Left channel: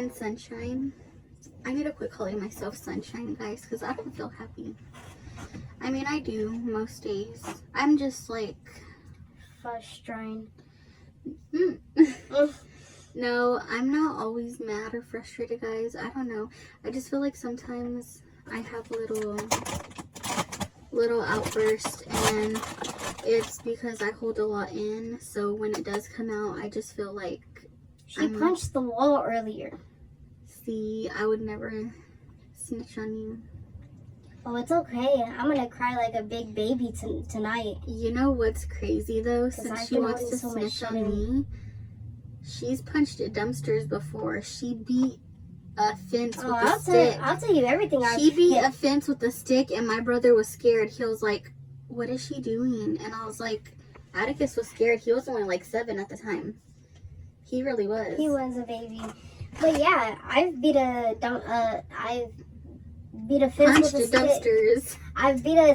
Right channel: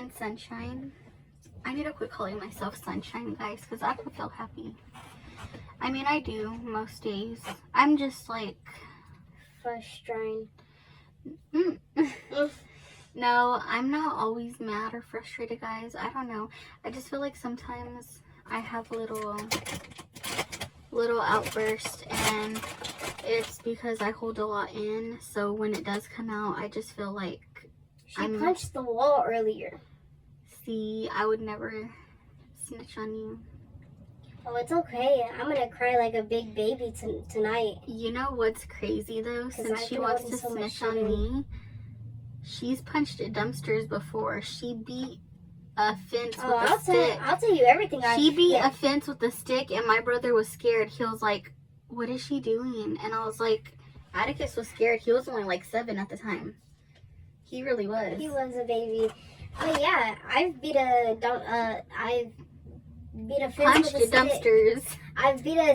and Sunshine. I need to quit calling myself Sunshine, guys, because I don't feel happy. I mean, I do most days. I'm just like frustrated. No, I'm not always mad or frustrated, guys. I don't know. I just feel like sometimes I have a little outburst, and it's because I hold a lot in. So when it does come out, I just feel like she punched the wall earlier. See, I would never snitch on you. Oh, it's okay. I'm gonna cry like a big baby tonight. You know what's crazy though? Since she wants to snitch on me, she's punched dumpsters before. She beat a fence with a stick. I'll tell you everything. She beat a fence with a stick, and my brother was scared. He was like, "What is she doing?" And I was like, Atticus was scared. He was only like 7 at the time. He really was. He was a baby. But yeah, I've beat a fence with a dumpsters. stick. I've beat a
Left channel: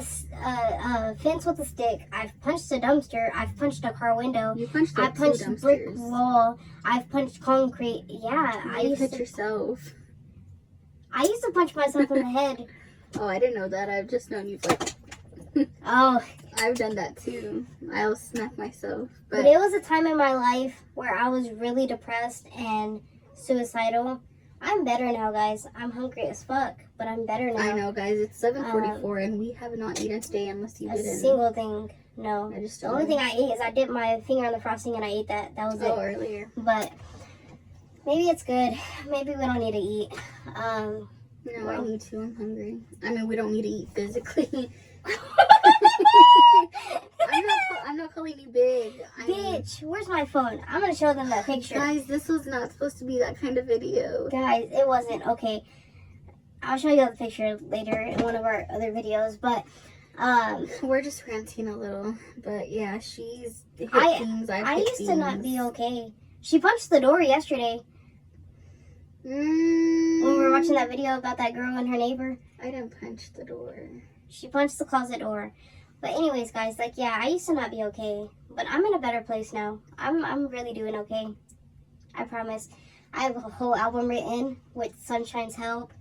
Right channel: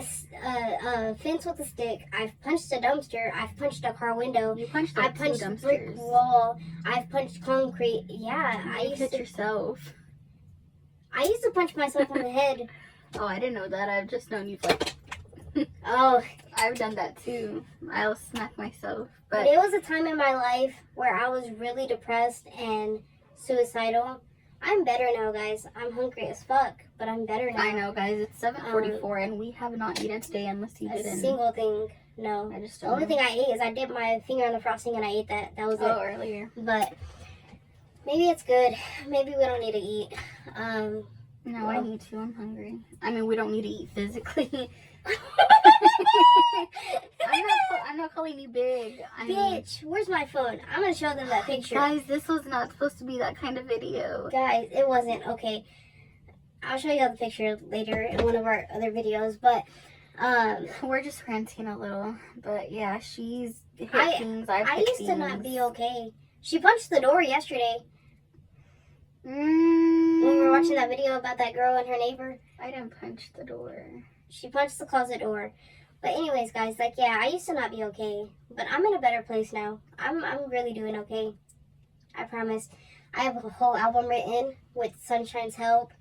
fence with a stick. I've punched a dumpster. I've punched a car window. You punched I punched a brick wall. I've punched concrete. Yeah, you hit yourself. I used to punch myself in the head. Oh, I didn't know that. I've just known you like. Oh, I've done that too. I'll smack myself. But it was a time in my life where I was really depressed and suicidal. I'm better now, guys. I'm hungry as fuck, but I'm better now. I know, guys. It's 7:44, and we have not eaten today unless you didn't. A single thing. No. I just the only thing I ate is I dipped my finger in the frosting and I ate that. That was it. Earlier. But maybe it's good. Maybe we don't need to eat. No, I need to. I'm hungry. I mean, we don't need to eat physically. I'm not calling you big. Bitch, where's my phone? I'm going to show them that picture. Guys, this was not supposed to be that kind of video. Guys, it wasn't. Okay. I'll show you the picture later in one of our other videos. But, we're just ranting a little. But, yeah, she's hit things. I used to not be okay. She punched the door yesterday. When we were watching that video about that girl and her neighbor. I didn't punch the door. She punched the closet door. But anyways, guys, like, yeah, I used to not be okay. But I'm in a better place now. I'm really doing okay. I promise. I have a whole album written with Sunshine's help.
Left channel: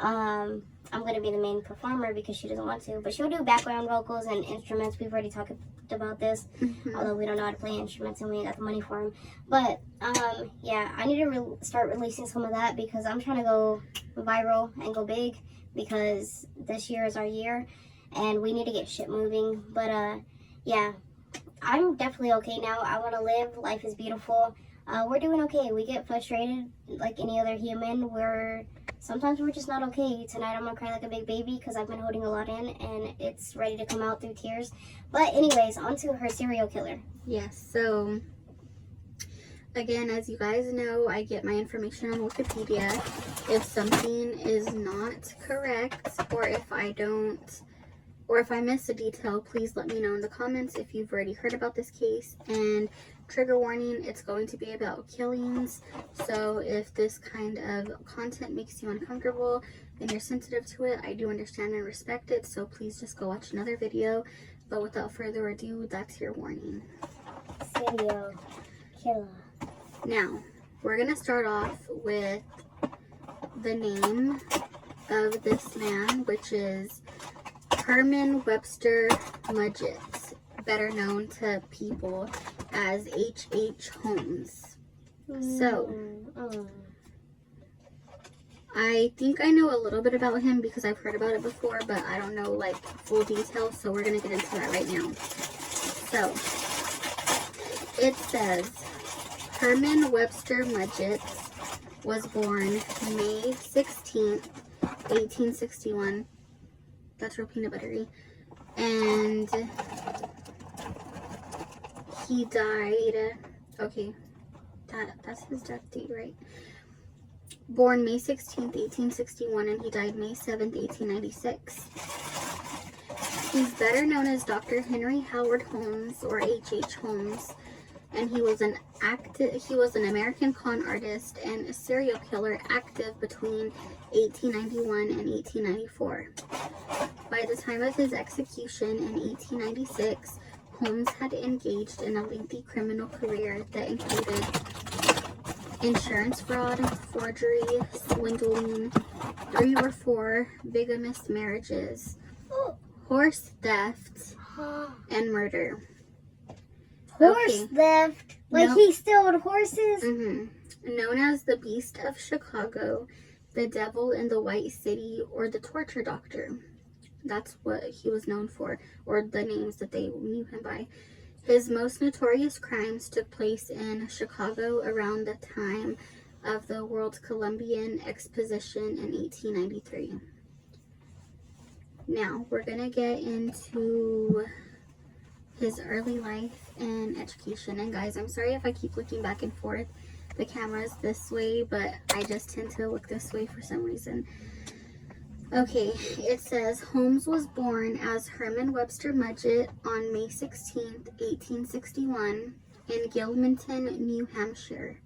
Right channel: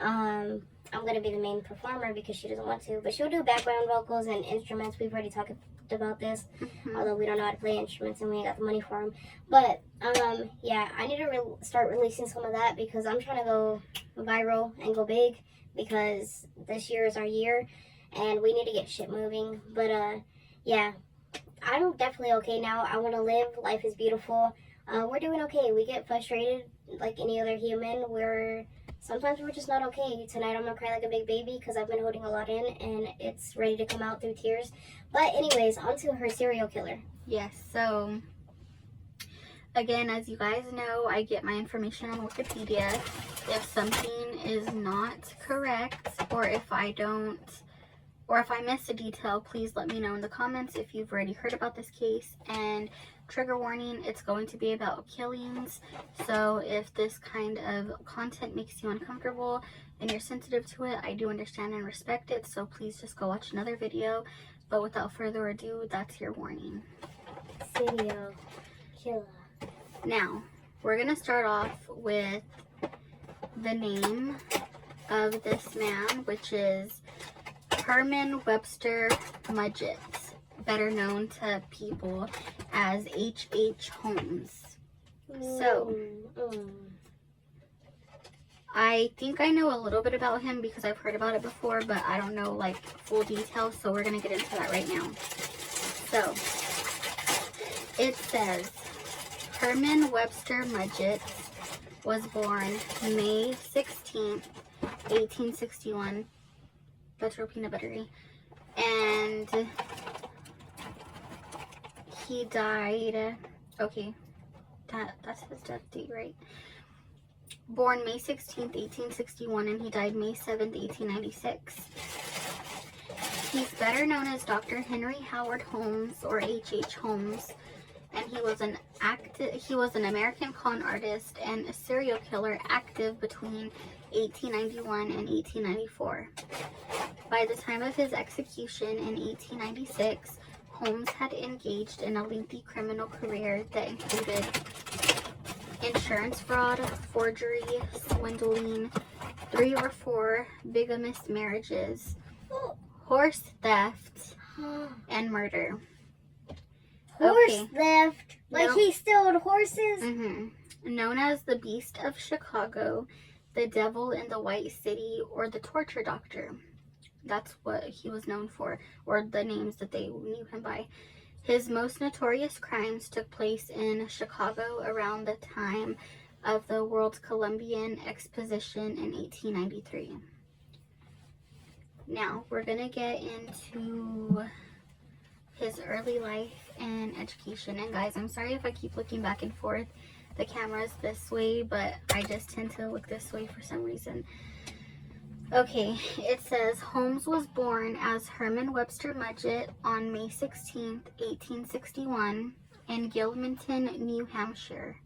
I'm going to be the main performer because she doesn't want to. But she'll do background vocals and instruments. We've already talked about this. Although we don't know how to play instruments and we ain't got the money for them. But, yeah, I need to start releasing some of that because I'm trying to go viral and go big. Because this year is our year and we need to get shit moving. But yeah, I'm definitely okay now. I want to live. Life is beautiful. We're doing okay. We get frustrated like any other human. Sometimes we're just not okay. Tonight I'm gonna cry like a big baby because I've been holding a lot in and it's ready to come out through tears. But anyways, on to her serial killer. Yes, so again, as you guys know, I get my information on Wikipedia. If something is not correct, or if I miss a detail, please let me know in the comments if you've already heard about this case. And trigger warning, it's going to be about killings. So if this kind of content makes you uncomfortable and you're sensitive to it, I do understand and respect it. So please just go watch another video. But without further ado, that's your warning. Serial killer. Now, we're going to start off with the name of this man, which is Herman Webster Mudgett, better known to people as H.H. Holmes. So, I think I know a little bit about him because I've heard about it before, but I don't know like full details, so we're going to get into that right now. So, it says Herman Webster Mudgett was born May 16th, 1861. That's real peanut buttery. And he died, okay, that's his death date, right? Born May 16th, 1861, and he died May 7th, 1896. He's better known as Dr. Henry Howard Holmes, or H.H. Holmes. And he was an American con artist and a serial killer active between 1891 and 1894. By the time of his execution in 1896, Holmes had engaged in a lengthy criminal career that included insurance fraud, forgery, swindling, 3 or 4 bigamous marriages, horse theft, and murder. Horse theft? Like he stole horses? Known as the Beast of Chicago, the Devil in the White City, or the Torture Doctor. That's what he was known for, or the names that they knew him by. His most notorious crimes took place in Chicago around the time of the World Columbian Exposition in 1893. Now, we're going to get into his early life and education. And guys, I'm sorry if I keep looking back and forth. The camera's this way, but I just tend to look this way for some reason. Okay, it says Holmes was born as Herman Webster Mudgett on May 16th, 1861 in Gilmanton, New Hampshire,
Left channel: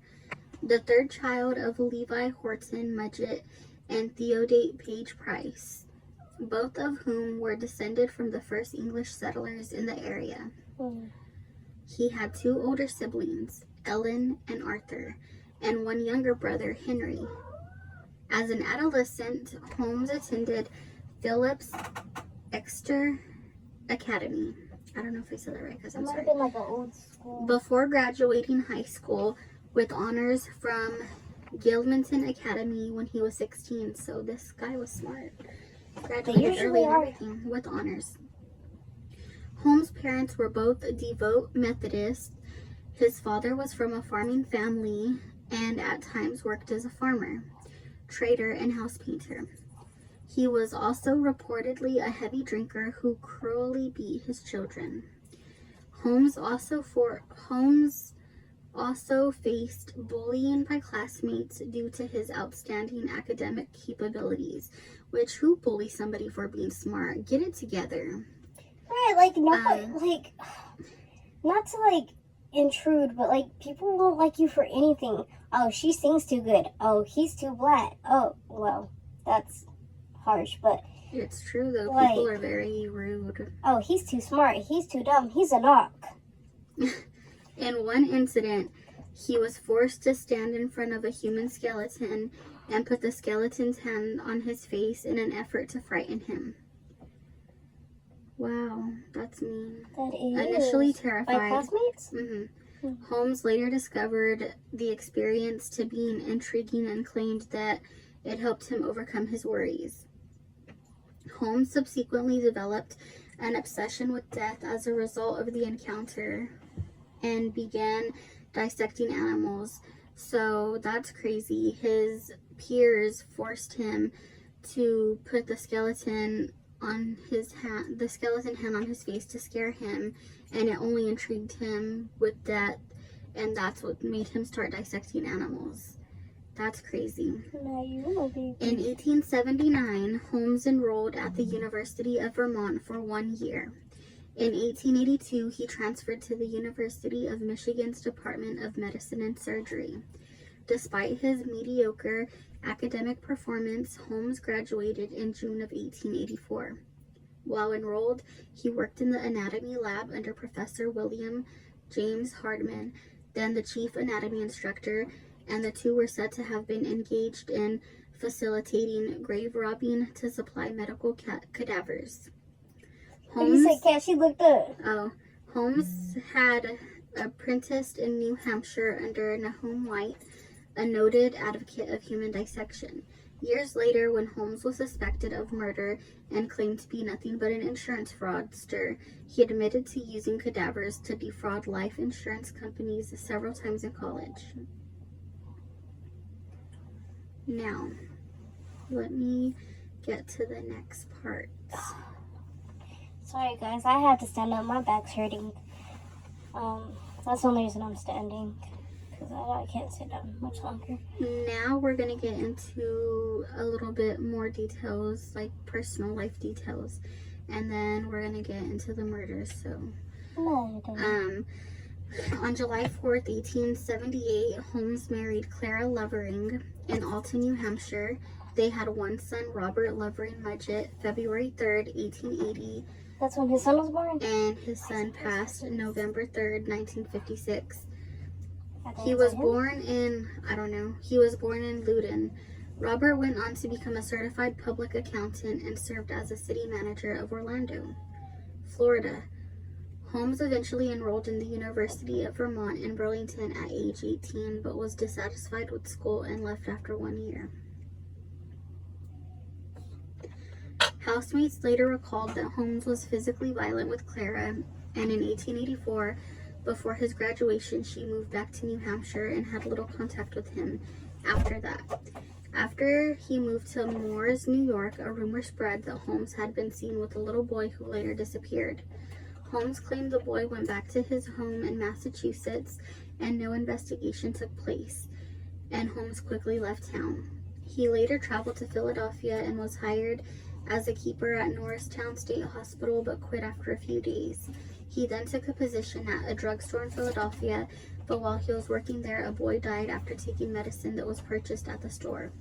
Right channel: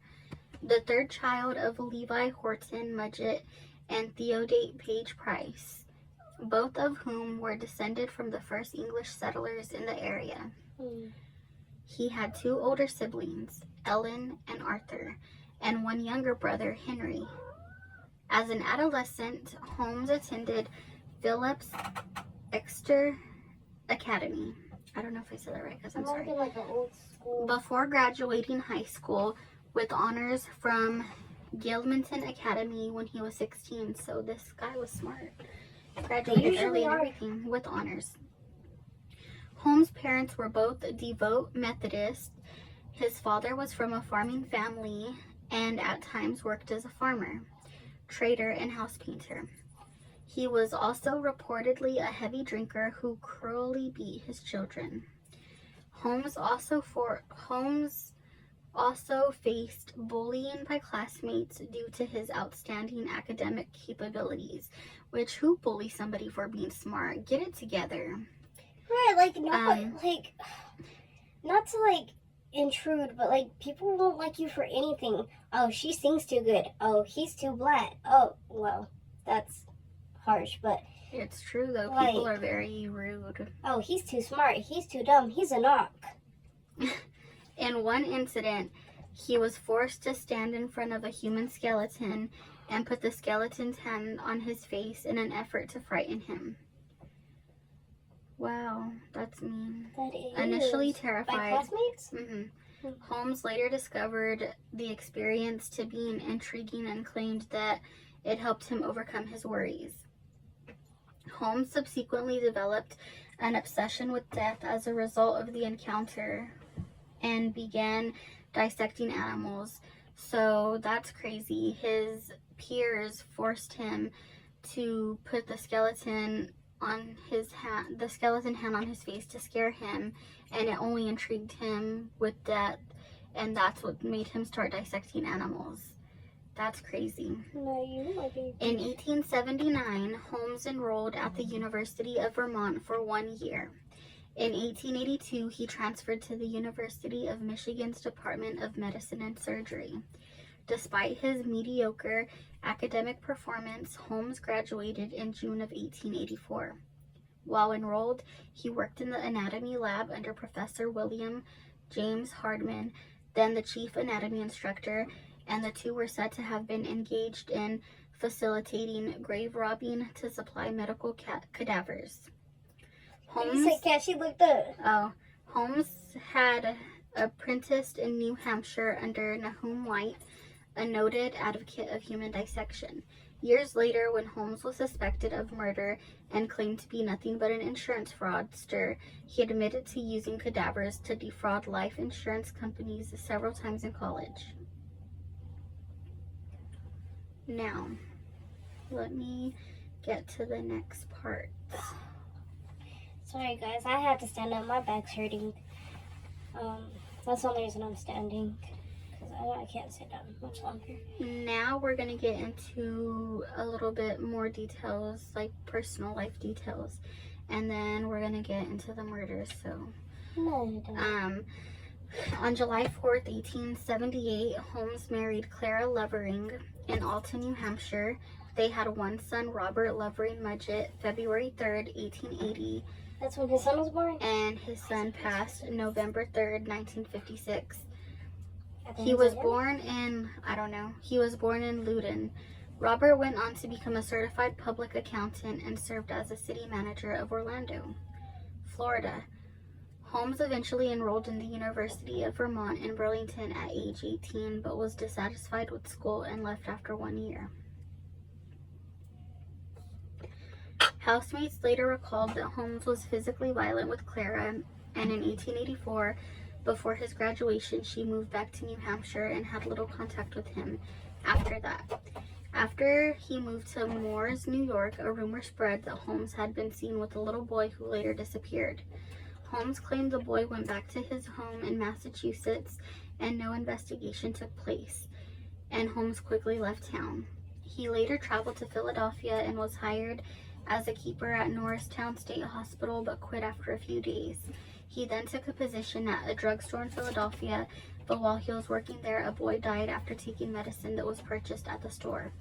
the third child of Levi Horton Mudgett and Theodate Page Price, both of whom were descended from the first English settlers in the area. He had 2 older siblings, Ellen and Arthur, and 1 younger brother, Henry. As an adolescent, Holmes attended Phillips Exeter Academy. I don't know if I said that right, because I'm sorry. Like an old school. Before graduating high school with honors from Gilmanton Academy when he was 16. So this guy was smart. Graduated early and everything with honors. Holmes' parents were both devout Methodists. His father was from a farming family and at times worked as a farmer, trader, and house painter. He was also reportedly a heavy drinker who cruelly beat his children. Holmes also faced bullying by classmates due to his outstanding academic capabilities. Which, who bullies somebody for being smart? Get it together. Right, like nobody, like, not to like intrude, but like people won't like you for anything. Oh, she sings too good. Oh, he's too black. Oh, well, that's harsh, but it's true though. Like, people are very rude. Oh, he's too smart. He's too dumb. He's a knock. In one incident, he was forced to stand in front of a human skeleton and put the skeleton's hand on his face in an effort to frighten him. Wow, that's mean. That is. Initially terrified. By classmates? Holmes later discovered the experience to be intriguing and claimed that it helped him overcome his worries. Holmes subsequently developed an obsession with death as a result of the encounter and began dissecting animals. So that's crazy. His peers forced him to put the skeleton on his hand, the skeleton hand on his face to scare him, and it only intrigued him with death, and that's what made him start dissecting animals. That's crazy. In 1879, Holmes enrolled at the University of Vermont for 1 year. In 1882, he transferred to the University of Michigan's Department of Medicine and Surgery. Despite his mediocre academic performance, Holmes graduated in June of 1884. While enrolled, he worked in the anatomy lab under Professor William James Hardman, then the chief anatomy instructor, and the two were said to have been engaged in facilitating grave robbing to supply medical cadavers. Holmes, you said she looked up. Oh, Holmes had apprenticed in New Hampshire under Nahum White, a noted advocate of human dissection. Years later, when Holmes was suspected of murder and claimed to be nothing but an insurance fraudster, he admitted to using cadavers to defraud life insurance companies several times in college. Now, let me get to the next part. Sorry guys, I had to stand up. My back's hurting. That's the only reason I'm standing. Because I can't sit down much longer. Now we're going to get into a little bit more details, like personal life details. And then we're going to get into the murders. So, on July 4th, 1878, Holmes married Clara Lovering in Alton, New Hampshire. They had one son, Robert Lovering Mudgett, February 3rd, 1880. That's when his son was born? And his son passed November 3rd, 1956. He was born in, he was born in Loudoun. Robert went on to become a certified public accountant and served as a city manager of Orlando, Florida. Holmes eventually enrolled in the University of Vermont in Burlington at age 18, but was dissatisfied with school and left after 1 year. Housemates later recalled that Holmes was physically violent with Clara, and in 1884, before his graduation, she moved back to New Hampshire and had little contact with him after that. After he moved to Moores, New York, a rumor spread that Holmes had been seen with a little boy who later disappeared. Holmes claimed the boy went back to his home in Massachusetts and no investigation took place, and Holmes quickly left town. He later traveled to Philadelphia and was hired as a keeper at Norristown State Hospital, but quit after a few days. He then took a position at a drugstore in Philadelphia, but while he was working there, a boy died after taking medicine that was purchased at the store.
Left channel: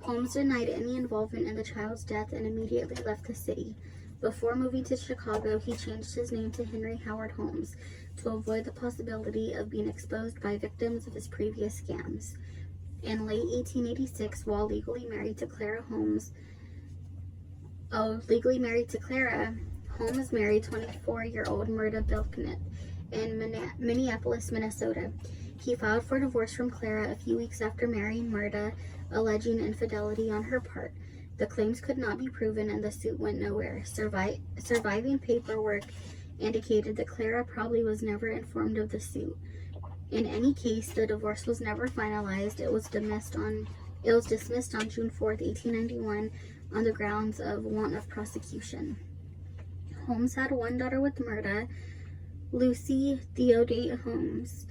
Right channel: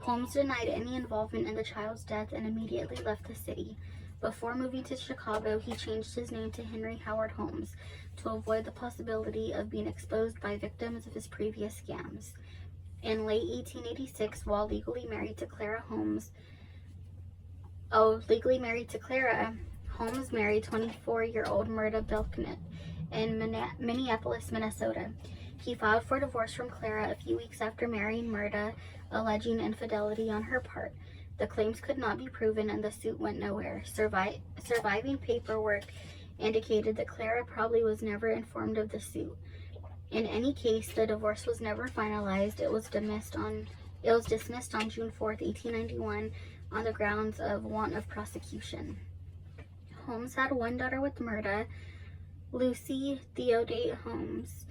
Holmes denied any involvement in the child's death and immediately left the city. Before moving to Chicago, he changed his name to Henry Howard Holmes to avoid the possibility of being exposed by victims of his previous scams. In late 1886, while legally married to Clara, Holmes married 24-year-old Myrta Belknap in Minneapolis, Minnesota. He filed for divorce from Clara a few weeks after marrying Myrta, alleging infidelity on her part. The claims could not be proven and the suit went nowhere. Surviving paperwork indicated that Clara probably was never informed of the suit. In any case, the divorce was never finalized. It was dismissed on June 4th, 1891 on the grounds of want of prosecution. Holmes had one daughter with Myrta, Lucy Theodate Holmes,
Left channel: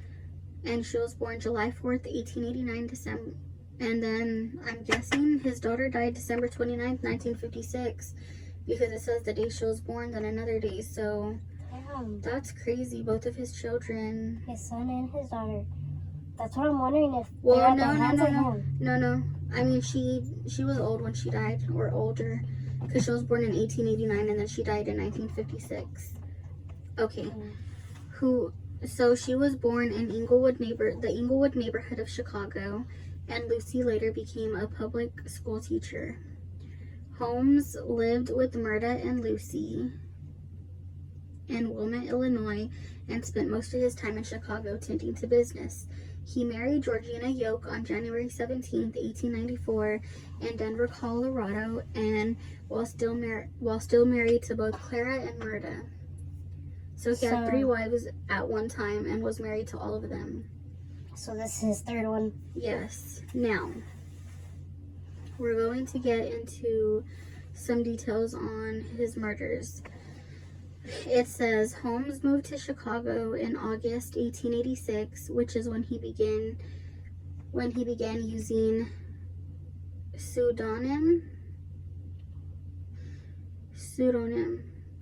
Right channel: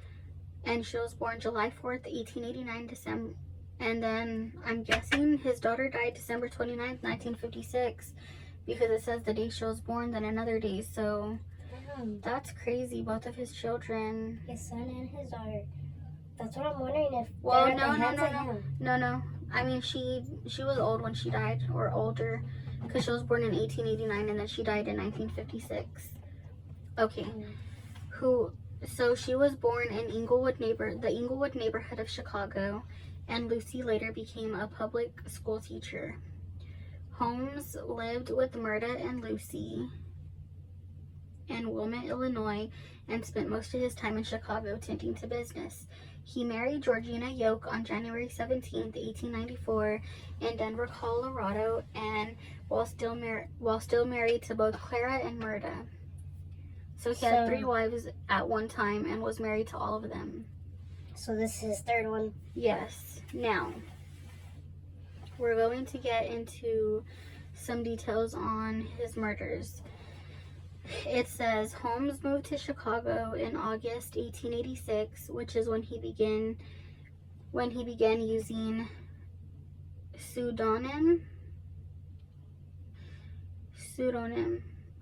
and she was born July 4th, 1889, and then I'm guessing his daughter died December 29th, 1956, because it says the day she was born, then another day, so that's crazy. Both of his children. His son and his daughter. That's what I'm wondering if Well, they're at no. the hands. I mean, she was old when she died, or older, because she was born in 1889 and then she died in 1956. Okay. So she was born in the Englewood neighborhood of Chicago, and Lucy later became a public school teacher. Holmes lived with Myrta and Lucy in Wilmette, Illinois, and spent most of his time in Chicago tending to business. He married Georgina Yoke on January 17, 1894, in Denver, Colorado, and while still married to both Clara and Myrta. So he had 3 wives at one time and was married to all of them. So this is his third one? Yes. Now, we're going to get into some details on his murders. It says Holmes moved to Chicago in August 1886, which is when he began using pseudonym.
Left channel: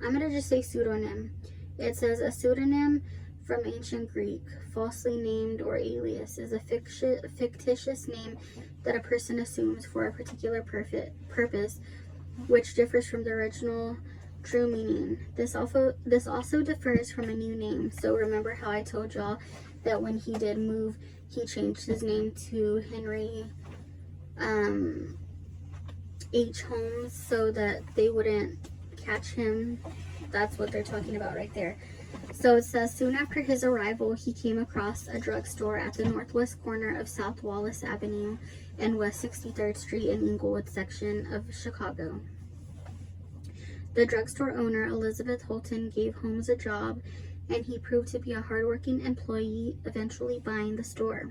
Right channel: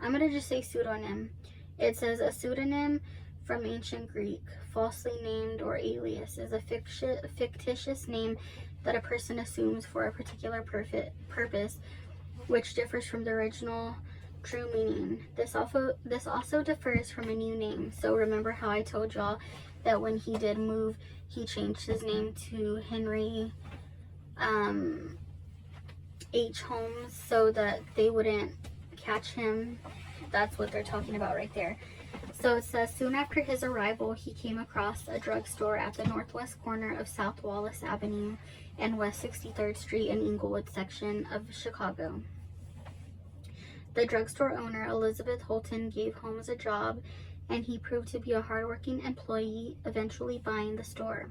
I'm going to just say pseudonym. It says a pseudonym from ancient Greek, falsely named or alias, is a fictitious name that a person assumes for a particular purpose, which differs from the original true meaning. This also differs from a new name. So remember how I told y'all that when he did move, he changed his name to Henry H. Holmes so that they wouldn't catch him. That's what they're talking about right there. So it says, soon after his arrival, he came across a drugstore at the northwest corner of South Wallace Avenue and West 63rd Street in Englewood section of Chicago. The drugstore owner, Elizabeth Holton, gave Holmes a job, and he proved to be a hardworking employee, eventually buying the store.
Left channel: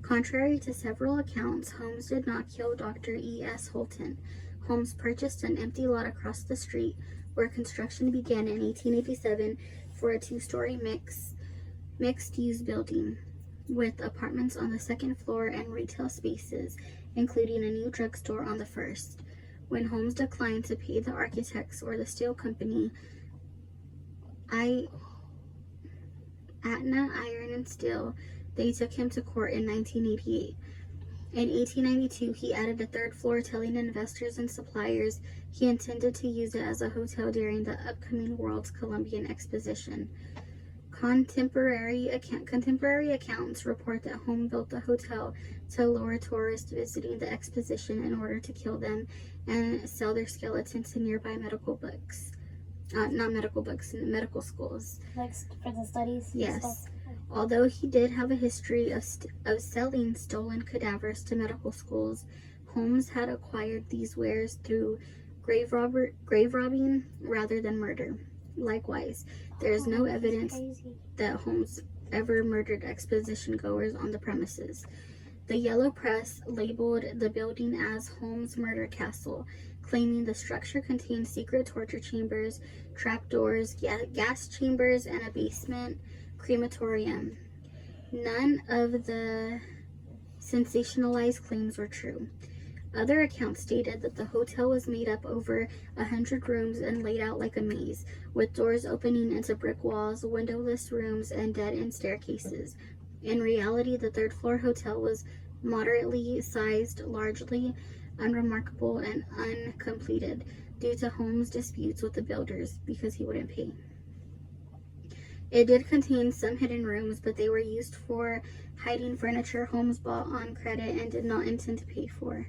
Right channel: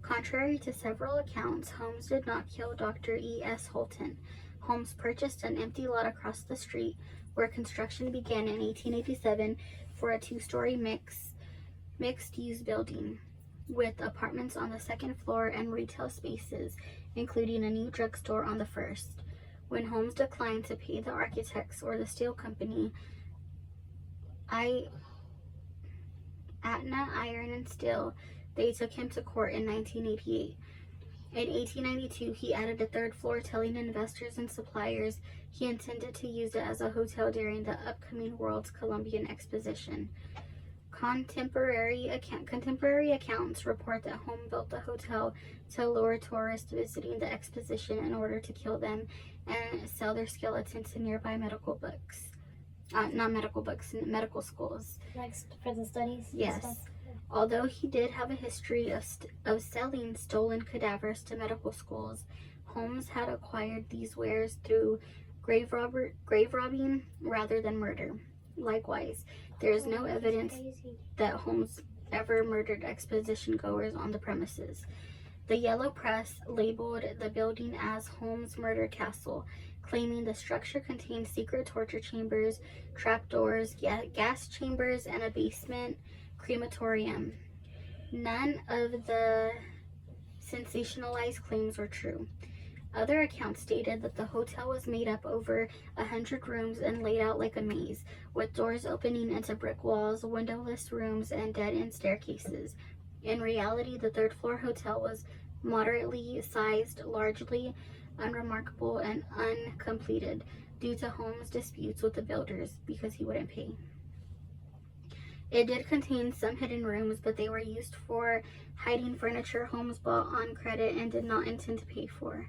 Contrary to several accounts, Holmes did not kill Dr. E.S. Holton. Holmes purchased an empty lot across the street where construction began in 1887 for a 2-story mixed-use building with apartments on the 2nd floor and retail spaces, including a new drugstore on the 1st. When Holmes declined to pay the architects or the steel company, Atna Iron and Steel, they took him to court in 1988. In 1892, he added a 3rd floor, telling investors and suppliers he intended to use it as a hotel during the upcoming World's Columbian Exposition. Contemporary accounts report that Holmes built the hotel to lure tourists visiting the exposition in order to kill them and sell their skeletons to nearby medical schools. Like for the studies? Yes. Although he did have a history of selling stolen cadavers to medical schools, Holmes had acquired these wares through grave robbing rather than murder. Likewise, there is no evidence that Holmes ever murdered exposition goers on the premises. The yellow press labeled the building as Holmes Murder Castle, claiming the structure contained secret torture chambers, trapdoors, gas chambers, and a basement crematorium. None of the sensationalized claims were true. Other accounts stated that the hotel was made up over 100 rooms and laid out like a maze, with doors opening into brick walls, windowless rooms, and dead-end staircases. In reality, the third-floor hotel was moderately sized, largely unremarkable, and uncompleted due to Holmes' disputes with the builders because he wouldn't pay. It did contain some hidden rooms, but they were used for hiding furniture Holmes bought on credit and did not intend to pay for.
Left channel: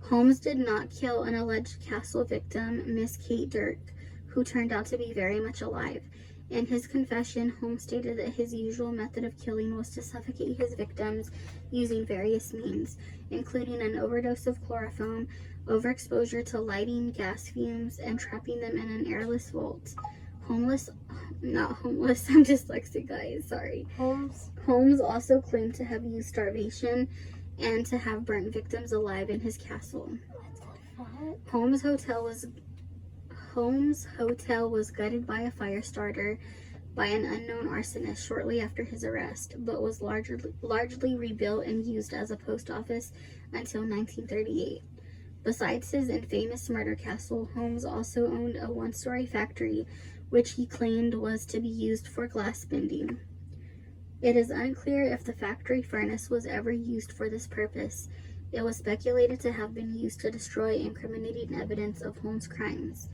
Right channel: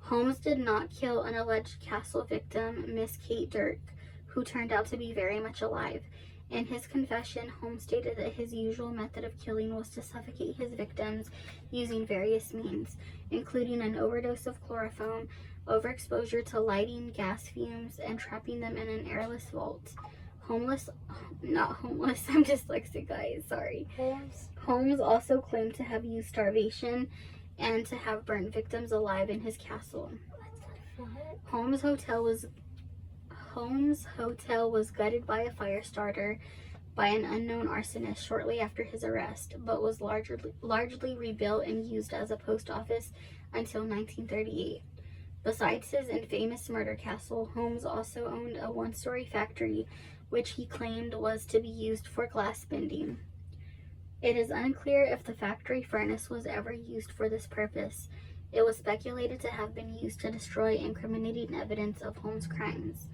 Holmes did not kill an alleged castle victim, Miss Kate Dirk, who turned out to be very much alive. In his confession, Holmes stated that his usual method of killing was to suffocate his victims using various means, including an overdose of chloroform, overexposure to lighting, gas fumes, and trapping them in an airless vault. I'm dyslexic, guys, sorry. Holmes also claimed to have used starvation and to have burnt victims alive in his castle. What? Holmes' hotel was gutted by a fire starter by an unknown arsonist shortly after his arrest, but was largely rebuilt and used as a post office until 1938. Besides his infamous murder castle, Holmes also owned a one-story factory which he claimed was to be used for glass bending. It is unclear if the factory furnace was ever used for this purpose. It was speculated to have been used to destroy incriminating evidence of Holmes' crimes.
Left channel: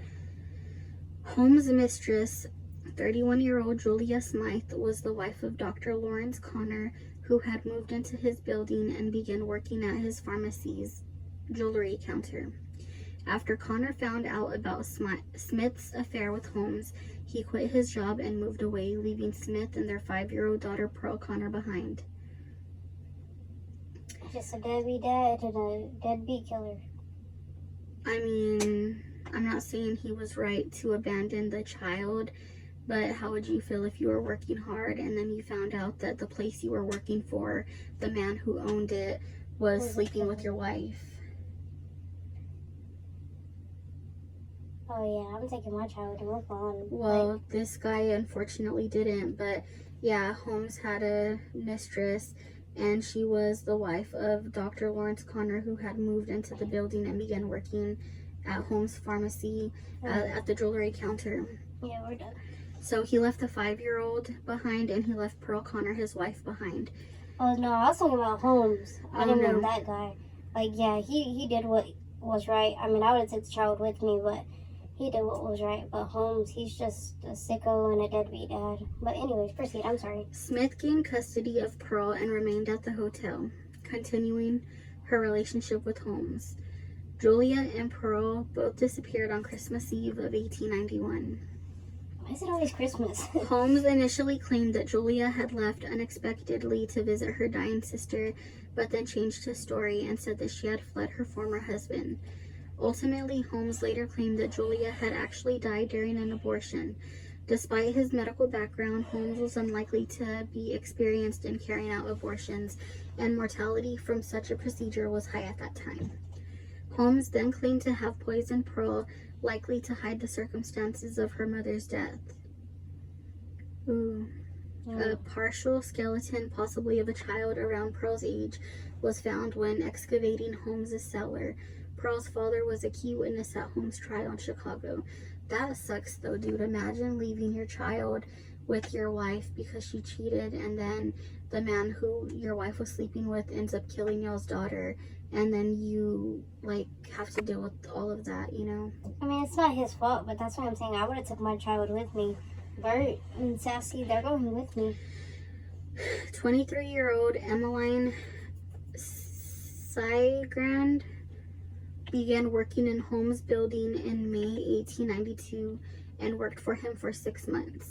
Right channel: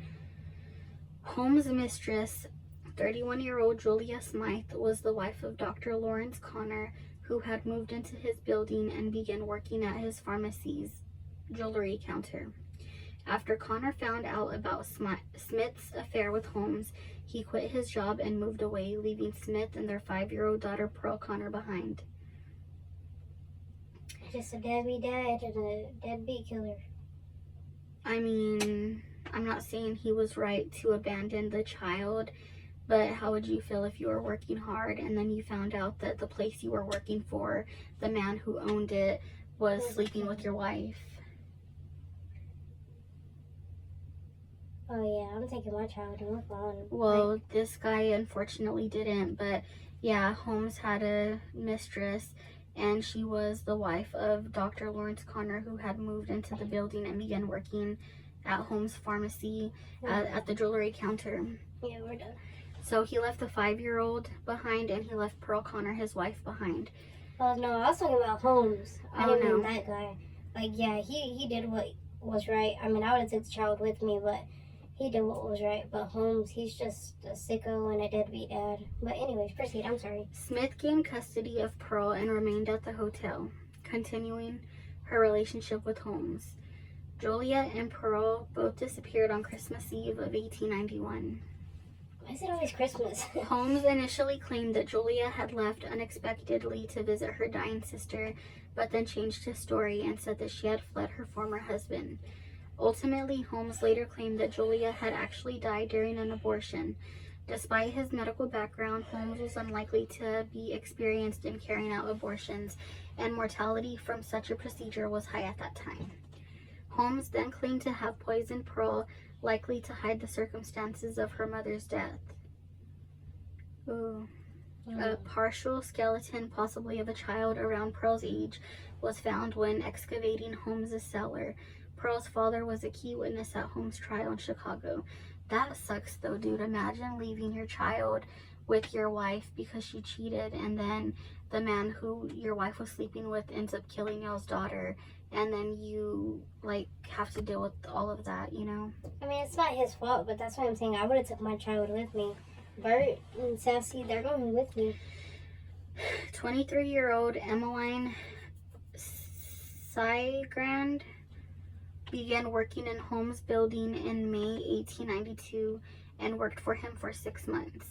Holmes' mistress, 31-year-old Julia Smythe, was the wife of Dr. Lawrence Connor, who had moved into his building and began working at his pharmacy's jewelry counter. After Connor found out about Smith's affair with Holmes, he quit his job and moved away, leaving Smith and their 5-year-old daughter Pearl Connor behind. Just a deadbeat dad and a deadbeat killer. I mean, I'm not saying he was right to abandon the child, but how would you feel if you were working hard and then you found out that the place you were working for, the man who owned it, was sleeping with your wife? Oh yeah, I'm taking my child to work on. Well, this guy unfortunately didn't, but yeah, Holmes had a mistress, and she was the wife of Dr. Lawrence Connor, who had moved into the building and began working at Holmes' pharmacy at the jewelry counter. Yeah, we're done. So he left the 5-year-old behind, and he left Pearl Connor, his wife, behind. Oh no, I was talking about Holmes. I didn't no. know that guy. Like, yeah, he did what was right. I mean, I would have took the child with me, but he did what was right. But Holmes, he's just a sicko and a deadbeat dad. But anyways, proceed. I'm sorry. Smith gained custody of Pearl and remained at the hotel, continuing her relationship with Holmes. Julia and Pearl both disappeared on Christmas Eve of 1891. Why is it always Christmas? Holmes initially claimed that Julia had left unexpectedly to visit her dying sister, but then changed his story and said that she had fled her former husband. Ultimately, Holmes later claimed that Julia had actually died during an abortion. Despite his medical background, Holmes was unlikely to be experienced in carrying out abortions, and mortality from such a procedure was high at that time. Holmes then claimed to have poisoned Pearl, likely to hide the circumstances of her mother's death. A partial skeleton, possibly of a child around Pearl's age, was found when excavating Holmes' cellar. Pearl's father was a key witness at Holmes' trial in Chicago. That sucks though, dude. Imagine leaving your child with your wife because she cheated, and then the man who your wife was sleeping with ends up killing y'all's daughter, and then you like have to deal with all of that, you know? I mean, it's not his fault, but that's what I'm saying. I would have took my child with me. Bert and Sassy, they're going with me. 23-year-old Emmeline Siegrand began working in Holmes' building in May 1892 and worked for him for 6 months.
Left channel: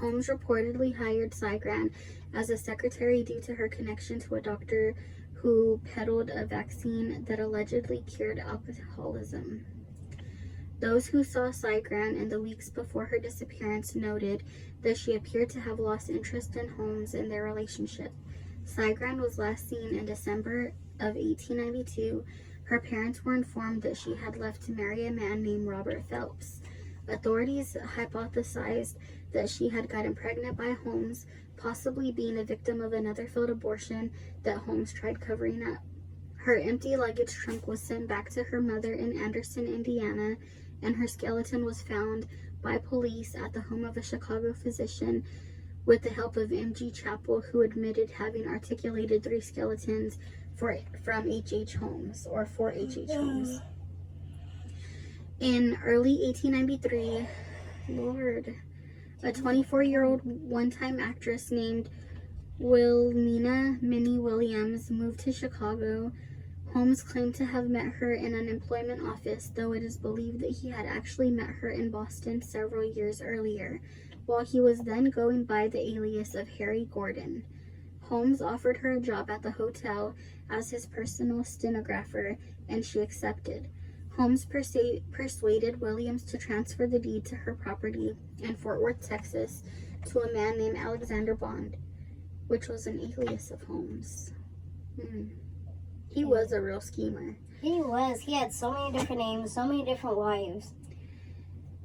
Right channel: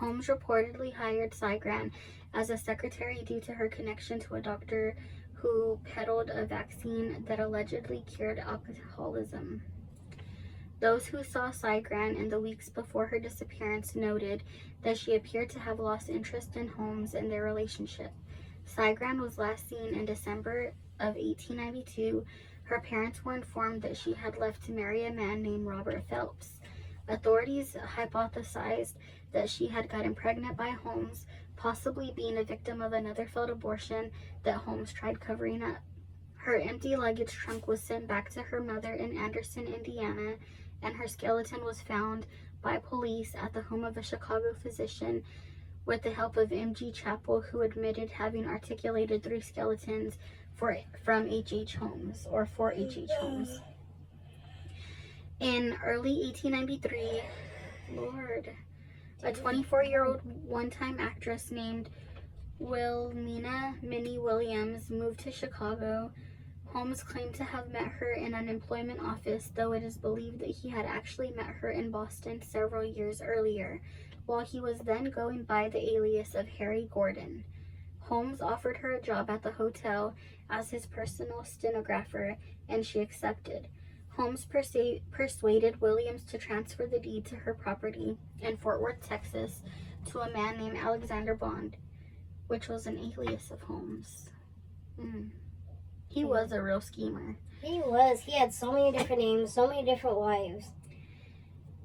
Holmes reportedly hired Siegrand as a secretary due to her connection to a doctor who peddled a vaccine that allegedly cured alcoholism. Those who saw Siegrand in the weeks before her disappearance noted that she appeared to have lost interest in Holmes and their relationship. Siegrand was last seen in December of 1892. Her parents were informed that she had left to marry a man named Robert Phelps. Authorities hypothesized that she had gotten pregnant by Holmes, possibly being a victim of another failed abortion that Holmes tried covering up. Her empty luggage trunk was sent back to her mother in Anderson, Indiana, and her skeleton was found by police at the home of a Chicago physician with the help of M.G. Chappell, who admitted having articulated 3 skeletons from H.H. Holmes, or for H.H. Holmes. In early 1893, a 24-year-old one-time actress named Wilhelmina Minnie Williams moved to Chicago. Holmes claimed to have met her in an employment office, though it is believed that he had actually met her in Boston several years earlier, while he was then going by the alias of Harry Gordon. Holmes offered her a job at the hotel as his personal stenographer, and she accepted. Holmes persuaded Williams to transfer the deed to her property in Fort Worth, Texas, to a man named Alexander Bond, which was an alias of Holmes. He was a real schemer. He was. He had so many different names, so many different wives.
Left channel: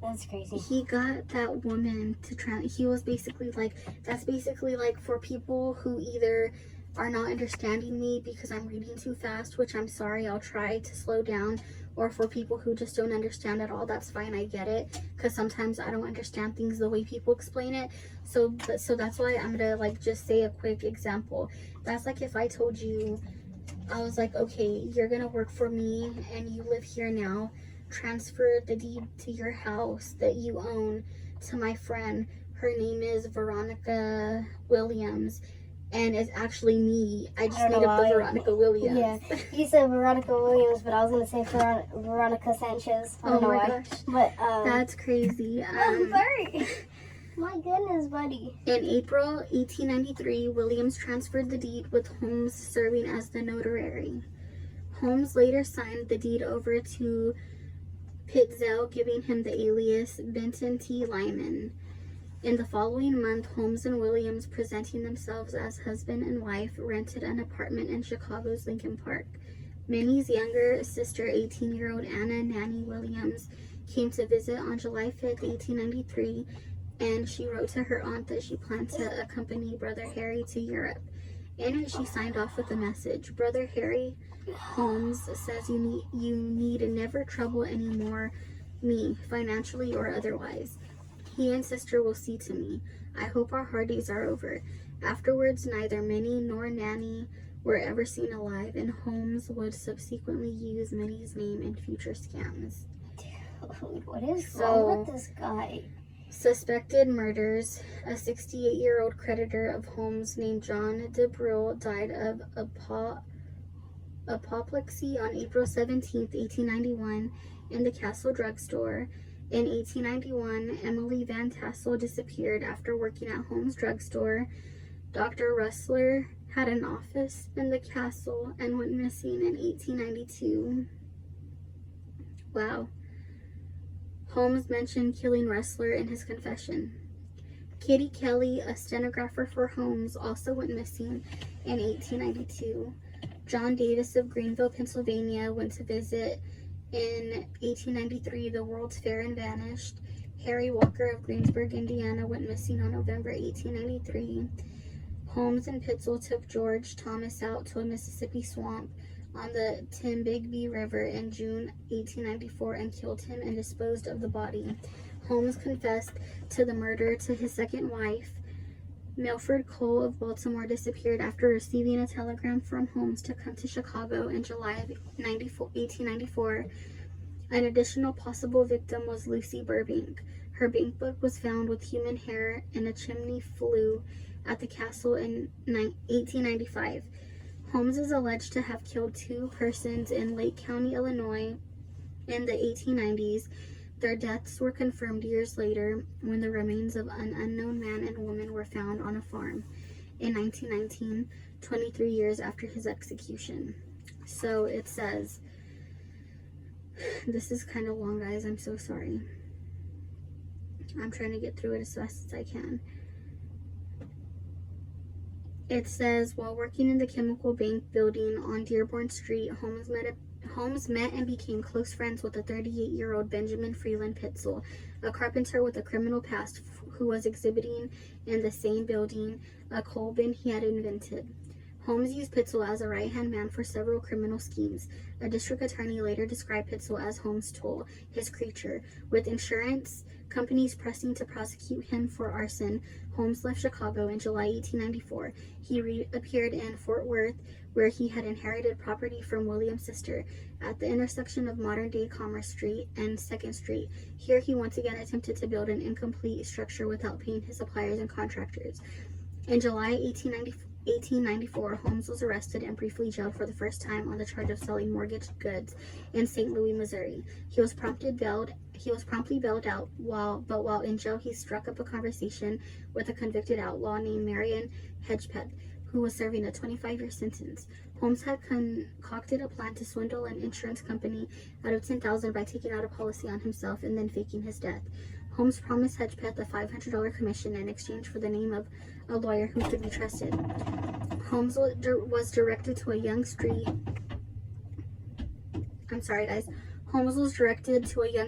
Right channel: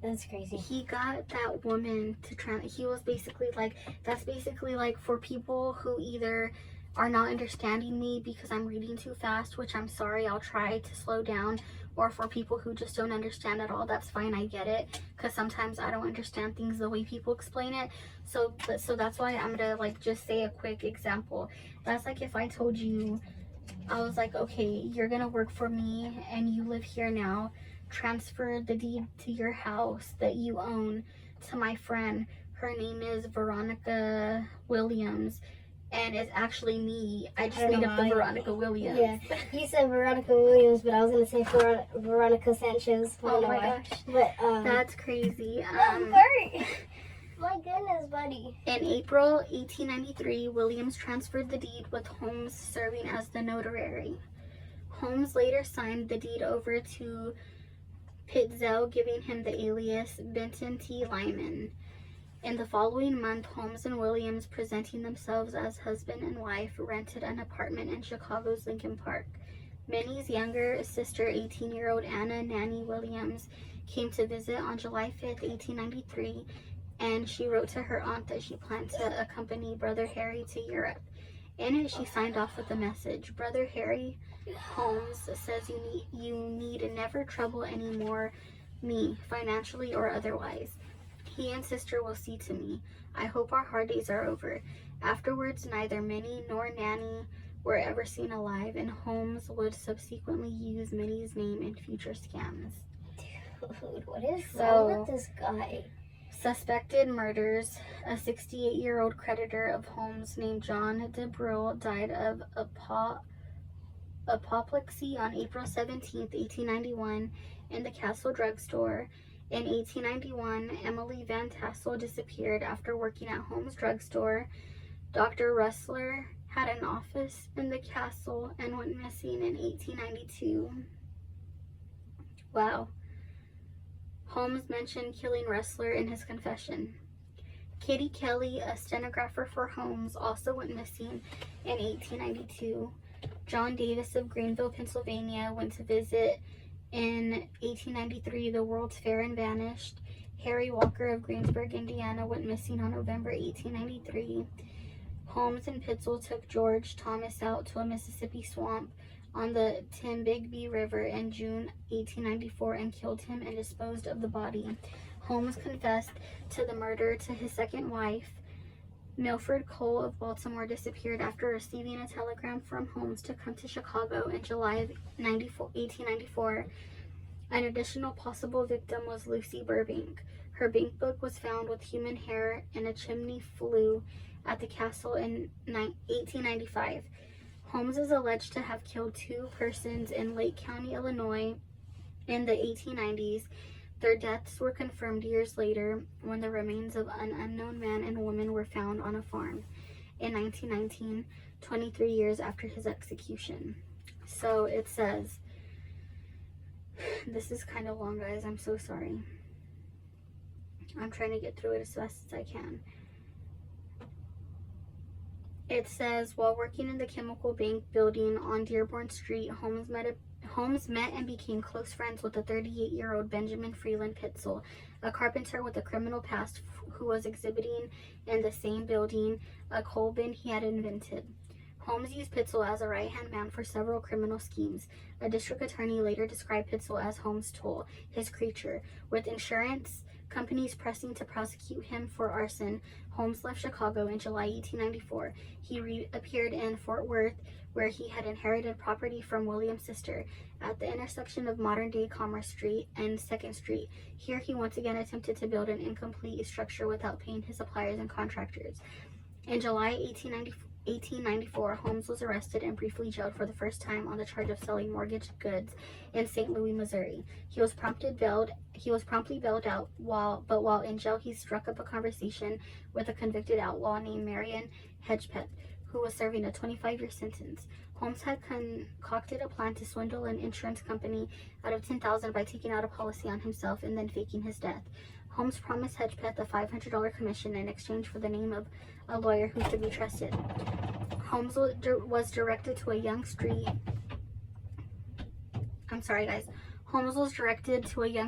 That's crazy. He got that woman to he was basically like, that's basically like for people who either are not understanding me because I'm reading too fast, which I'm sorry, I'll try to slow down, or for people who just don't understand at all, that's fine, I get it, because sometimes I don't understand things the way people explain it. So that's why I'm gonna like just say a quick example. That's like if I told you, I was like, okay, you're gonna work for me and you live here now, transfer the deed to your house that you own to my friend. Her name is Veronica Williams, and it's actually me. I just made up the Veronica Williams. Yeah, you said Veronica Williams, but I was gonna say Veronica Sanchez. Oh my gosh, but that's crazy. Bert. My goodness, buddy. In April 1893, Williams transferred the deed, with Holmes serving as the notary. Holmes later signed the deed over to Pitzel, giving him the alias Benton T. Lyman. In the following month, Holmes and Williams, presenting themselves as husband and wife, rented an apartment in Chicago's Lincoln Park. Minnie's younger sister, 18-year-old Anna Nanny Williams, came to visit on July 5th, 1893, and she wrote to her aunt that she planned to accompany Brother Harry to Europe. In it, she signed off with a message: Brother Harry, Holmes says you need never trouble any more me, financially or otherwise. He and sister will see to me. I hope our hard days are over. Afterwards, neither Minnie nor Nanny were ever seen alive, and Holmes would subsequently use Minnie's name in future scams. Dude, what is wrong with this guy? Suspected murders. A 68-year-old creditor of Holmes named John DeBrule died of apoplexy on April 17, 1891, in the Castle drugstore. In 1891, Emily Van Tassel disappeared after working at Holmes' drugstore. Dr. Rustler had an office in the castle and went missing in 1892. Wow. Holmes mentioned killing Rustler in his confession. Kitty Kelly, a stenographer for Holmes, also went missing in 1892. John Davis of Greenville, Pennsylvania, went to visit in 1893 the World's Fair and vanished. Harry Walker of Greensburg, Indiana, went missing on November 1893. Holmes and Pitzel took George Thomas out to a Mississippi swamp on the Tombigbee River in June 1894 and killed him and disposed of the body. Holmes confessed to the murder to his second wife. Milford Cole of Baltimore disappeared after receiving a telegram from Holmes to come to Chicago in July of 1894. An additional possible victim was Lucy Burbank. Her bank book was found with human hair in a chimney flue at the castle in 1895. Holmes is alleged to have killed 2 persons in Lake County, Illinois in the 1890s. Their deaths were confirmed years later when the remains of an unknown man and woman were found on a farm in 1919, 23 years after his execution. So it says, this is kind of long, guys. I'm so sorry. I'm trying to get through it as fast as I can. It says, while working in the Chemical Bank building on Dearborn Street, Holmes met and became close friends with the 38-year-old Benjamin Freeland Pitzel, a carpenter with a criminal past who was exhibiting in the same building a coal bin he had invented. Holmes used Pitzel as a right-hand man for several criminal schemes. A district attorney later described Pitzel as Holmes' tool, his creature. With insurance companies pressing to prosecute him for arson, Holmes left Chicago in July 1894. He reappeared in Fort Worth, where he had inherited property from William's sister, at the intersection of modern-day Commerce Street and 2nd Street. Here he once again attempted to build an incomplete structure without paying his suppliers and contractors. In July 1894, Holmes was arrested and briefly jailed for the first time on the charge of selling mortgaged goods in St. Louis, Missouri. He was promptly bailed out, while in jail he struck up a conversation with a convicted outlaw named Marion Hedgepeth, who was serving a 25-year sentence. Holmes had concocted a plan to swindle an insurance company out of $10,000 by taking out a policy on himself and then faking his death. Holmes promised Hedgepeth a $500 commission in exchange for the name of a lawyer who could be trusted. Holmes was directed to a young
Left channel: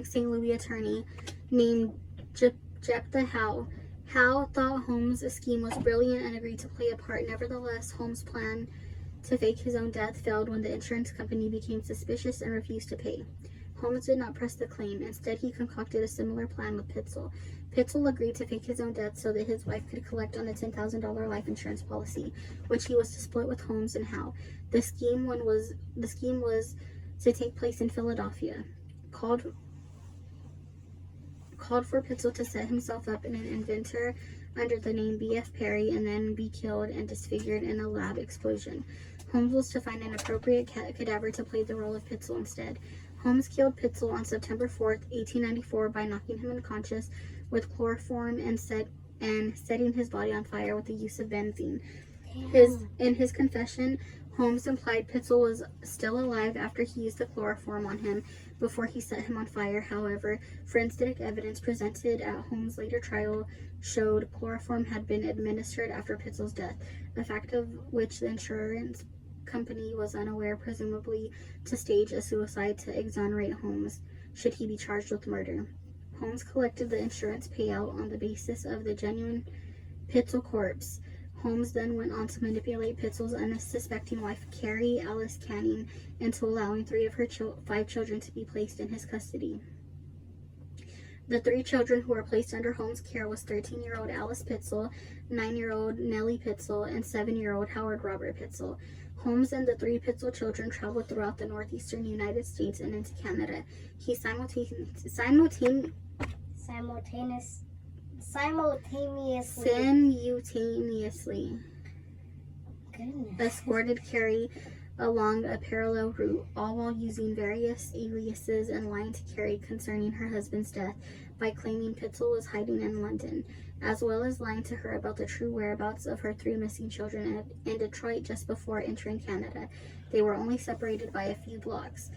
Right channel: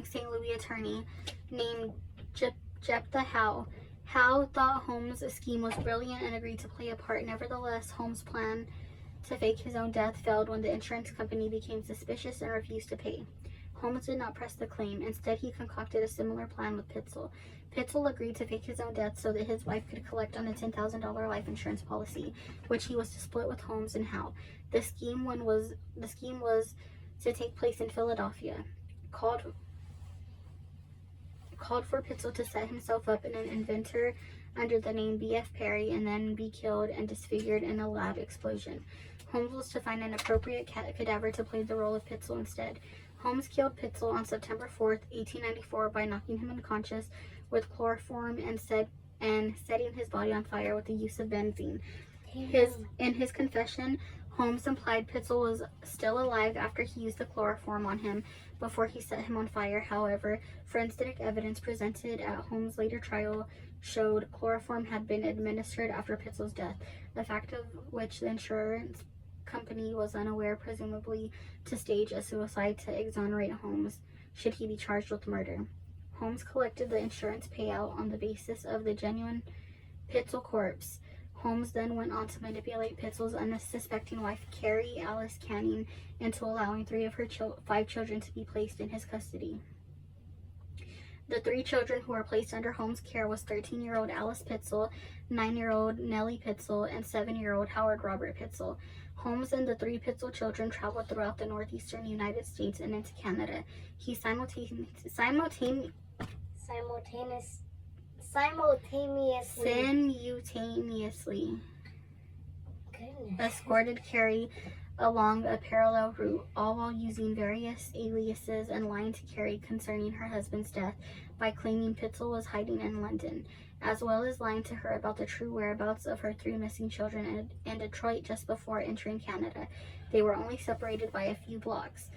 St. Louis attorney named Jephthah Howe. Howe thought Holmes' scheme was brilliant and agreed to play a part. Nevertheless, Holmes' plan to fake his own death failed when the insurance company became suspicious and refused to pay. Holmes did not press the claim. Instead, he concocted a similar plan with Pitzel. Pitzel agreed to fake his own death so that his wife could collect on a $10,000 life insurance policy, which he was to split with Holmes and Howe. The scheme was to take place in Philadelphia. Called for Pitzel to set himself up in an inventor under the name B.F. Perry and then be killed and disfigured in a lab explosion. Holmes was to find an appropriate cadaver to play the role of Pitzel instead. Holmes killed Pitzel on September 4th, 1894 by knocking him unconscious with chloroform and setting his body on fire with the use of benzene. In his confession, Holmes implied Pitzel was still alive after he used the chloroform on him before he set him on fire. However, forensic evidence presented at Holmes' later trial showed chloroform had been administered after Pitzel's death, a fact of which the insurance company was unaware, presumably to stage a suicide to exonerate Holmes should he be charged with murder. Holmes collected the insurance payout on the basis of the genuine Pitzel corpse. Holmes then went on to manipulate Pitzel's unsuspecting wife, Carrie Alice Canning, into allowing 3 of her 5 children to be placed in his custody. The 3 children who were placed under Holmes' care was 13-year-old Alice Pitzel, 9-year-old Nellie Pitzel, and 7-year-old Howard Robert Pitzel. Holmes and the 3 Pitzel children traveled throughout the northeastern United States and into Canada. He simultaneously escorted Carrie along a parallel route, all while using various aliases and lying to Carrie concerning her husband's death by claiming Pitzel was hiding in London, as well as lying to her about the true whereabouts of her 3 missing children in Detroit just before entering Canada. They were only separated by a few blocks.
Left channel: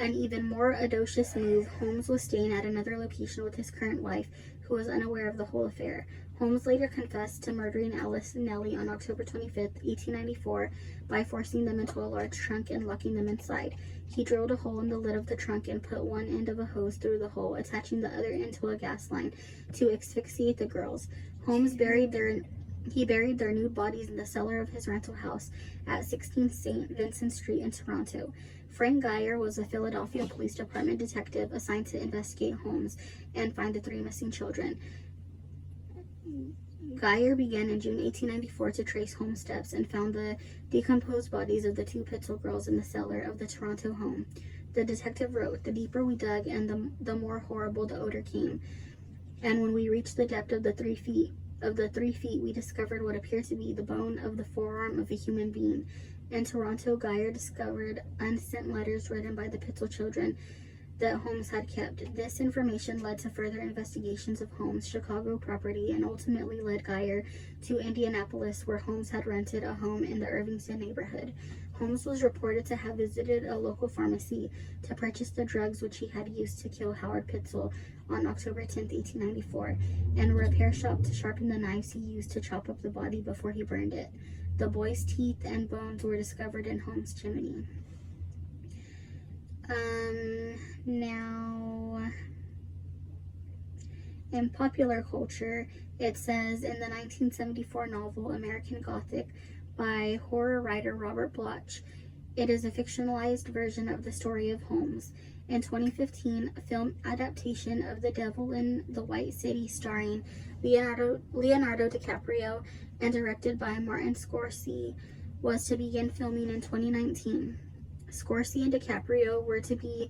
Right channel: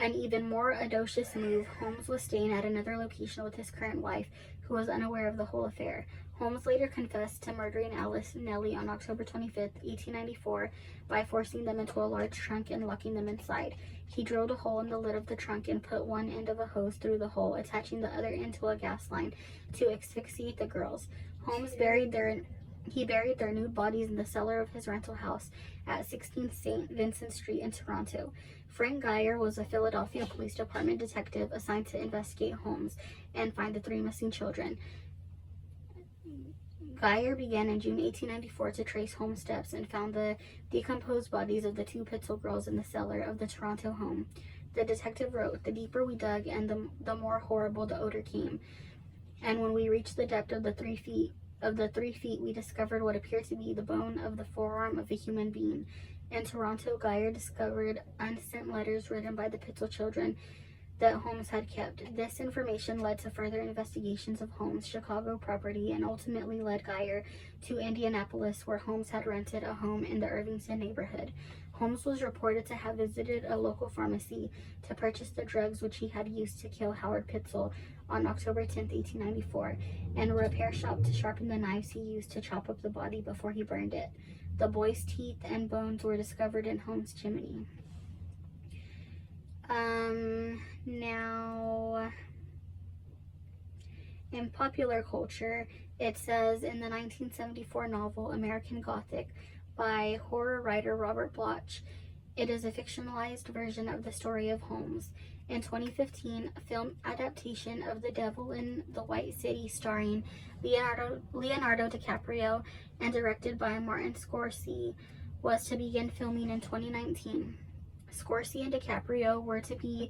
An even more audacious move, Holmes was staying at another location with his current wife, who was unaware of the whole affair. Holmes later confessed to murdering Alice and Nellie on October 25, 1894, by forcing them into a large trunk and locking them inside. He drilled a hole in the lid of the trunk and put one end of a hose through the hole, attaching the other end to a gas line to asphyxiate the girls. Holmes buried their nude bodies in the cellar of his rental house at 16 St. Vincent Street in Toronto. Frank Geyer was a Philadelphia Police Department detective assigned to investigate Holmes and find the 3 missing children. Geyer began in June 1894 to trace Holmes' steps and found the decomposed bodies of the 2 Pitzel girls in the cellar of the Toronto home. The detective wrote, "The deeper we dug and the more horrible the odor came. And when we reached the depth of the 3 feet, we discovered what appeared to be the bone of the forearm of a human being. In Toronto, Geyer discovered unsent letters written by the Pitzel children that Holmes had kept. This information led to further investigations of Holmes' Chicago property and ultimately led Geyer to Indianapolis, where Holmes had rented a home in the Irvington neighborhood. Holmes was reported to have visited a local pharmacy to purchase the drugs which he had used to kill Howard Pitzel on October 10, 1894, and a repair shop to sharpen the knives he used to chop up the body before he burned it. The boy's teeth and bones were discovered in Holmes' chimney. Now, in popular culture, it says in the 1974 novel American Gothic by horror writer Robert Bloch, it is a fictionalized version of the story of Holmes. In 2015, a film adaptation of The Devil in the White City starring Leonardo DiCaprio and directed by Martin Scorsese was to begin filming in 2019. Scorsese and DiCaprio were to be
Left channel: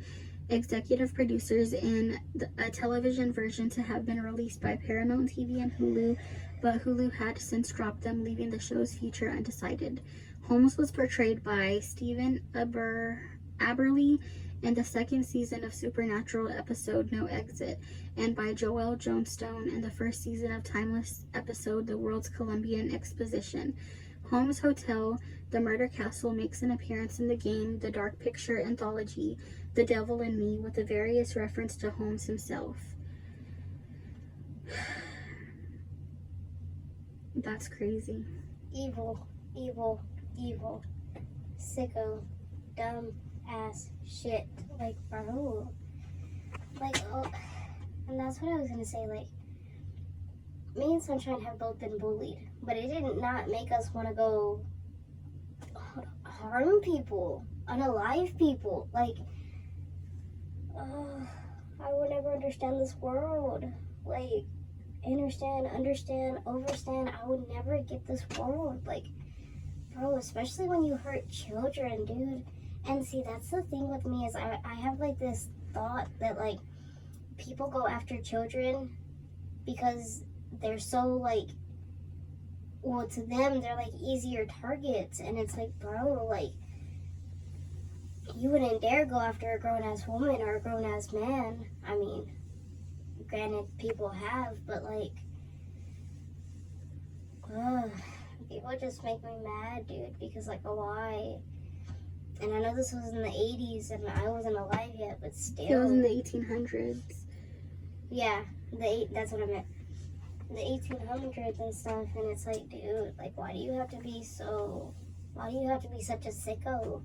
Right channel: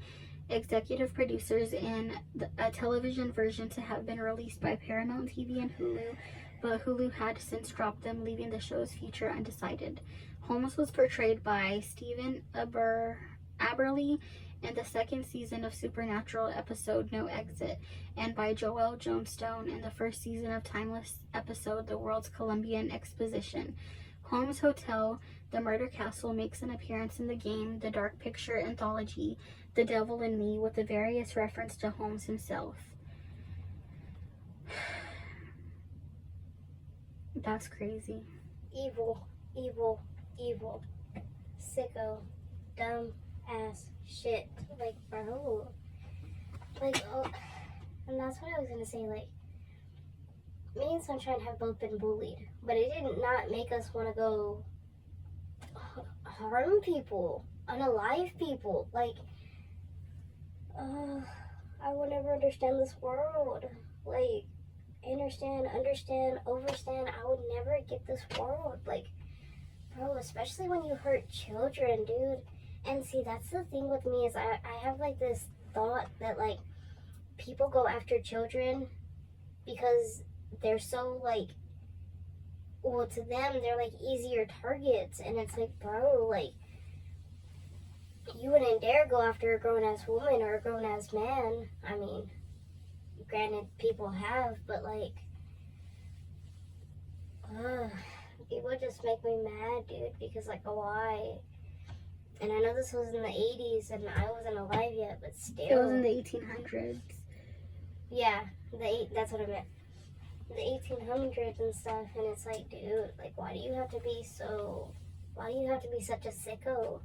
executive producers in a television version to have been released by Paramount TV and Hulu, but Hulu had since dropped them, leaving the show's future undecided. Holmes was portrayed by Stephen Aberley in the second season of Supernatural episode No Exit, and by Joelle Johnstone in the first season of Timeless episode The World's Columbian Exposition. Holmes Hotel, The Murder Castle makes an appearance in the game The Dark Picture anthology, The Devil in Me, with a various reference to Holmes himself. That's crazy. Evil, evil, evil. Sicko. Dumb ass shit. Like, bro. Like, oh. And that's what I was gonna say. Like, me and Sunshine have both been bullied, but it did not make us want to go harm people, unalive people. Like, I would never understand this world. Like, understand, overstand. I would never get this world. Like, bro, especially when you hurt children, dude. And see, that's the thing with me is I have like this thought that like people go after children because they're so like, well, to them they're like easier targets, and it's like, bro, like, you wouldn't dare go after a grown-ass woman or a grown-ass man. I mean, granted, people have, but like, people just make me mad, dude, because like, why? And I know this was in the 80s and I wasn't alive yet, but still. It was in the 1800s. Yeah, that's what I meant. The 1800s and stuff, and it's like, dude, like, why do you have to be such a sicko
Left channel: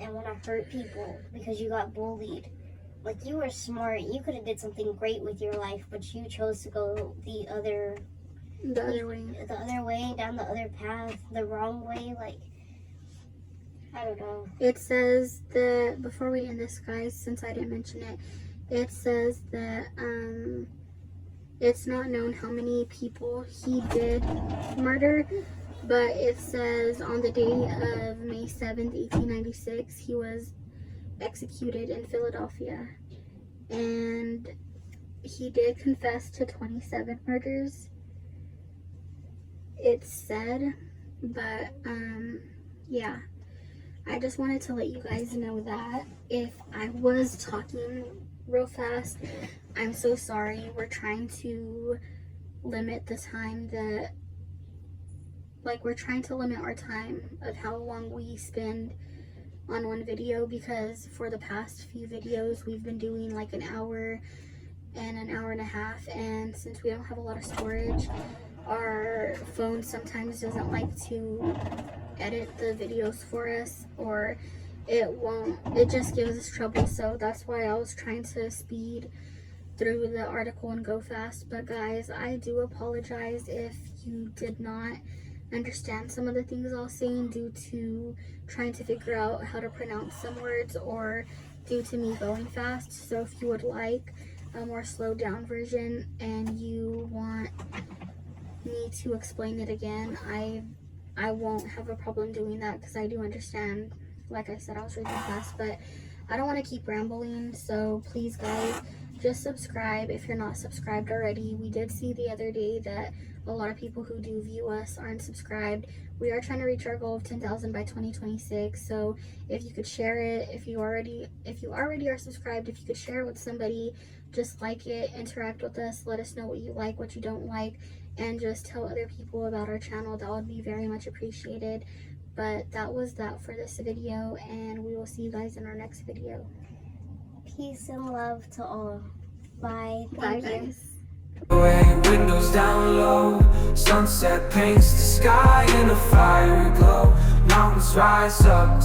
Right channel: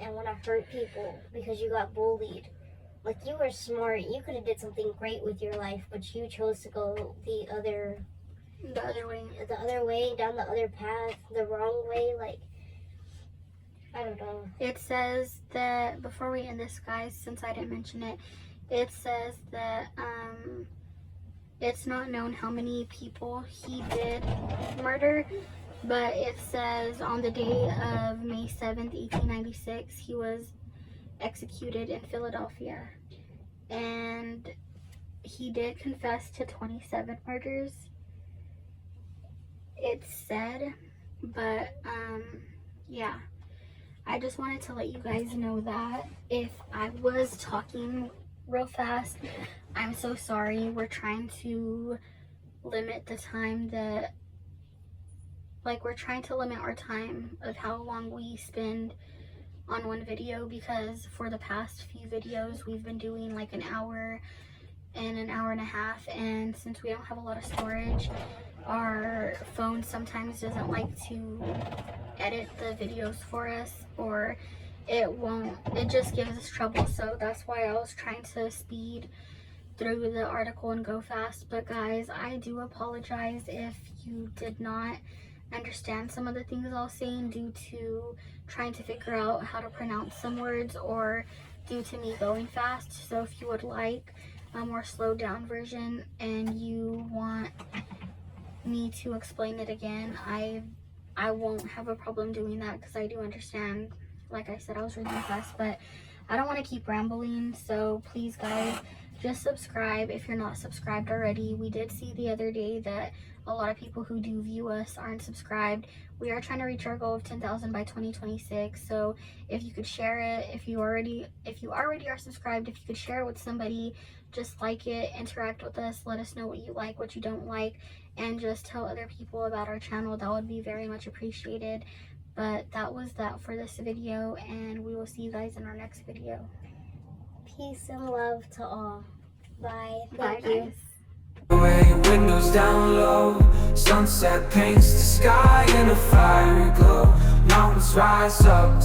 and want to hurt people because you got bullied? Like, you were smart, you could have did something great with your life, but you chose to go the other way, down the other path, the wrong way. Like, I don't know. It says that, before we end this, guys, since I didn't mention it, it says that it's not known how many people he did murder, but it says on the day of May 7th, 1896, he was executed in Philadelphia. And he did confess to 27 murders, it's said. But, yeah. I just wanted to let you guys know that. If I was talking real fast, I'm so sorry. We're trying to limit the time that, like, we're trying to limit our time of how long we spend on one video, because for the past few videos we've been doing like an hour and an hour and a half, and since we don't have a lot of storage, our phone sometimes doesn't like to edit the videos for us, or it just gives us trouble. So that's why I was trying to speed through the article and go fast. But guys, I do apologize if you did not understand some of the things I was saying due to trying to figure out how to pronounce some words, or due to me going fast. So if you would like a more slowed down version and you want me to explain it again, I won't have a problem doing that, because I do understand. Like I said, I was reading fast, but I don't want to keep rambling. So please, guys, just subscribe if you're not subscribed already. We did see the other day that a lot of people who do view us aren't subscribed. We are trying to reach our goal of 10,000 by 2026. So if you could share it, if you already are subscribed, if you could share it with somebody, just like it, interact with us, let us know what you like, what you don't like, and just tell other people about our channel. That would be very much appreciated. But that was that for this video, and we will see you guys in our next video. Peace and love to all. Bye. Bye, Thank you. guys. Away, windows down low. Sunset paints the sky in a fiery glow. Mountains rise up.